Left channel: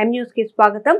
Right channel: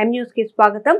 M news కి స్వాగతం.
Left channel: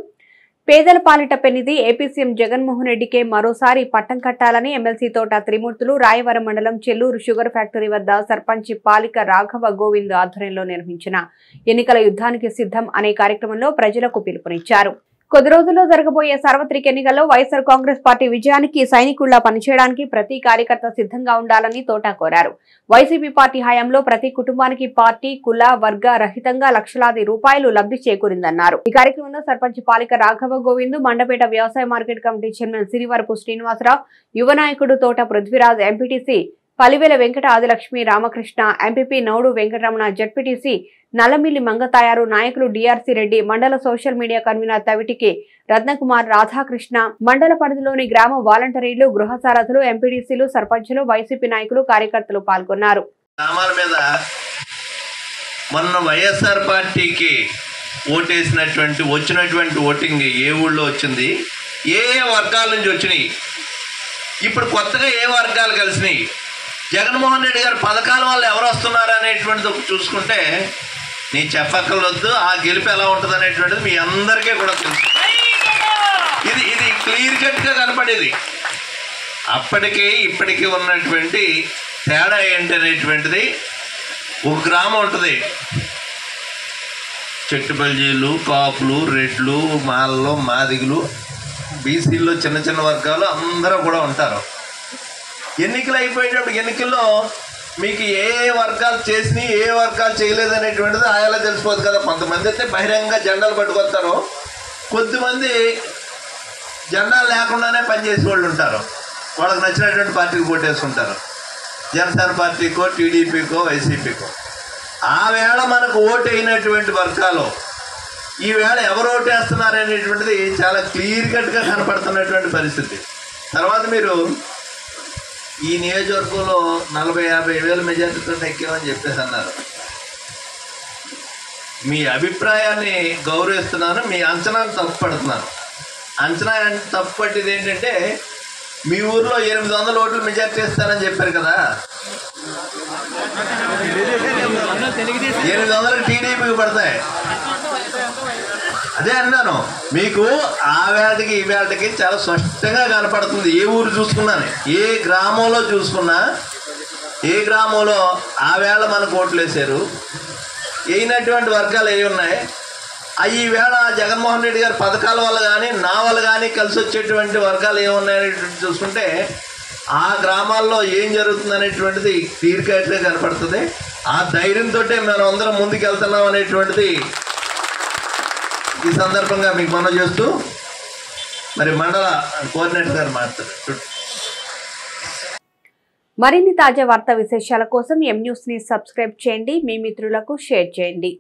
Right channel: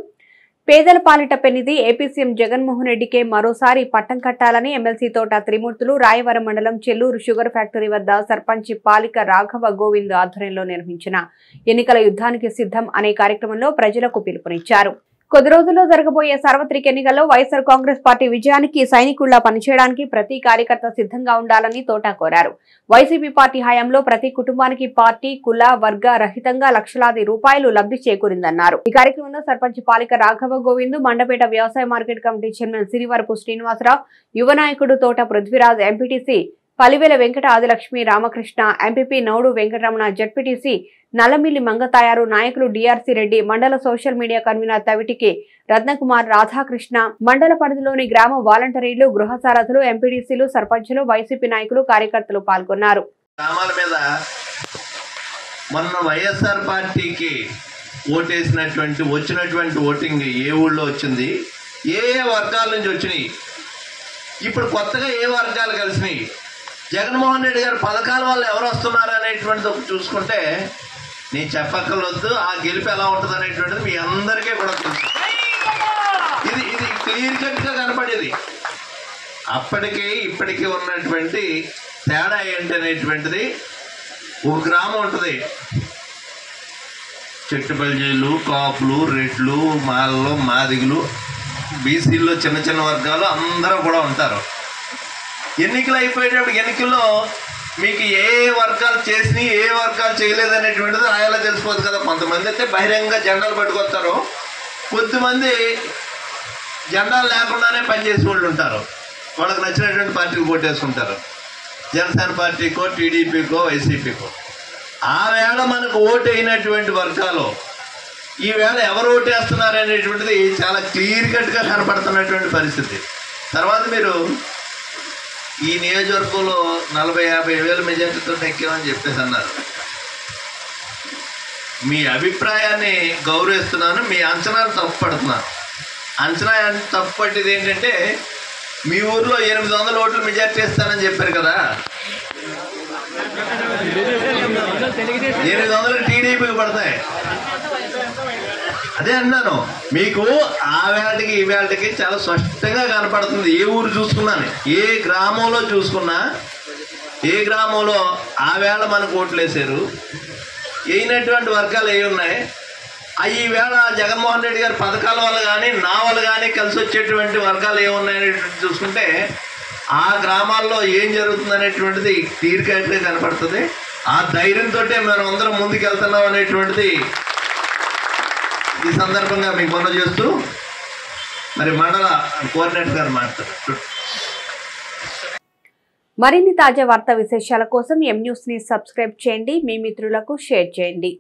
పేదల పాలిట పెన్నిధి ఏపీ సీఎం జగన్మోహన్ రెడ్డికే మరోసారి పట్టం కట్టాలని ఎమ్మెల్సీ తోట త్రిమూర్తులు రాయవరం మండలం చెల్లూరు షుగర్ ఫ్యాక్టరీ వద్ద సర్పంచ్ పాలిక రాఘవ గోవింద్ ఆధ్వర్యంలో నిర్వహించిన ఎన్నికల యుద్ధానికి సిద్ధం అనే కార్యక్రమంలో ప్రజలకు పిలుపునిచ్చారు. కొద్ది రోజుల్లో జరగబోయే సార్వత్రిక ఎన్నికల్లో వైఎస్ఆర్ కాంగ్రెస్ పార్టీ విజయానికి సైనికుల్లా పనిచేయడానికి ప్రతి కార్యకర్త సిద్ధంగా ఉండాలని తోట కోరారు. వైసీపీ పార్టీ హయాంలో ప్రతి కుటుంబానికి పార్టీ కుల వర్గ రహితంగా లక్షలాది రూపాయలు లబ్ధి చేకూరిందన్నారు. ఈ కార్యక్రమంలో సర్పంచ్ పాలిక రాఘవ గోవింద్, మండపేట వ్యవసాయ market committee chairman Sirivarapu Srinivasa Rao, యువ నాయకుడు Thota Prithviraj, MPTC Palivela Venkata Adilakshmi Ramakrishna, MPP Naudu Venkataramana, ZPTC Nallamilli Mangatayaru, నాయకులు డిఆర్సీ రెడ్డి, మండల social media convener Tavitiki Ratnakumar, Radhakrishna, మండల పరిధిలోని గ్రామ వాలంటీర్లు, గృహ సారథులు, ఎంపీడీసీలు, సర్పంచులు, వైసీపీ నాయకులు, కార్యకర్తలు పాల్గొన్నారు. వైఎస్ఆర్ పార్టీకి వచ్చినటువంటి ఓటింగ్ ఏ ఊళ్ళో వచ్చింది, ఏ వర్గాల నుంచి వచ్చినాయి, ఇప్పుడు కొత్తగా ఏ వర్గాలు కలిసినాయి, జగన్మోహన్ రెడ్డి గారు పథకాల వల్ల ఎవరు వస్తున్నారు అనేటువంటిది చూసుకుంటే నీ చెప్పక్కర్లొద్దు. ఆ గెలుపు ఎలా ఉంటుంది అనేటువంటిది మీ అందరికీ కూడా తెలుసు. ఇది క్లియర్ కట్గా కనపడేది. అప్పటికి ఇప్పటికీ ఉన్నటువంటి తేడా ఏంటి అనేటువంటిది, ఒక గ్రామం ఉంటుంది, చెట్టుబల్జీలు, కాపులు, రెడ్లు, మాలలో మాదిగులు, బీసీల్లో చిన్న చిన్న వర్గాలు అందరూ కూడా ఉంటారు. ఎన్నికలు అయిపోయేటప్పుడు ఎన్నికల్లో మీకు ఏ వర్గాలు చేసినాయి, ఏ వర్గాలు చేయలేదు అనేటువంటిది ఆయాలో తెలిసిపోదు కదా. కొంతమంది అయితే బహిరంగంగా జెండాలు పట్టుకొస్తారు, కొద్దిమంది జెండాలు లేకుండానే పనిచేసే వాళ్ళు ఉంటారు. వాళ్ళకి నచ్చినటువంటి పార్టీకి ఓటు వేసుకుంటారు, జనసేన పార్టీకో, టీడీపీకో, వైసీపీకో. ఆ వేళ మనకు ఓటు అయినటువంటి వర్గాలు ఈవేళ ఎవరు ఓటు వేస్తున్నారు అనేటువంటిది చాలా క్లియర్ కట్గా కనపడుతున్నటువంటి పరిస్థితి. తర్వాత మీరు ఈ నియోజకవర్గంలో 40-50 వేల మెజార్టీతో ఎక్కామని చెప్పేసి అన్నారు. మీ అభిప్రాయాన్ని గౌరవిస్తున్నాను, మీ అంచనాను తప్పుపడుతున్నాను. అంచనా తప్పుపట్టేది ఏంటంటే, మీ ఊర్లో 800 ఓట్లు మెజార్టీ ఇస్తానని చెప్పారు కదా, 800 టీడీపీకి పడతాయి. అదే అన్నాను, మీకు ఆ వేళకి ఈ వేళకి చాలా స్పష్టంగా కనపడుతుంది. ఏ ఊరు చూసుకున్నాను, ఏ గ్రామంలో చూసుకున్నా, ఏ గ్రామంలో ఆ వేళ మనకు ఓట్లు వేశారు, అయినటువంటి వర్గాలు ఏ ఉన్నాయి, ఈ వేళ జగన్మోహన్ రెడ్డి గారి పథకాల వల్ల కానీ నా వల్ల కానీ కలిసి వచ్చేటువంటి వర్గాలు ఏమున్నాయనేటువంటి చూసుకుంటే ఆ గ్రామాల్లో ఏం జరుగుతుంది అనేటువంటిది క్లియర్ కట్గా కనపడుతుంది. ఆ ధైర్యంతో మనం అందరం ముందుకు వెళ్తున్నాం అనేటువంటిది ఈ సందర్భంగా మీకు మనం చేస్తూ, మరి మండల కోఆర్డినేటర్ గారు మాట్లాడుతారు. మరిన్ని తాజా వార్తా విశేషాల కోసం ఎం న్యూస్ ని సబ్స్క్రైబ్ చేయండి, మీ మిత్రులకు షేర్ చేయండి.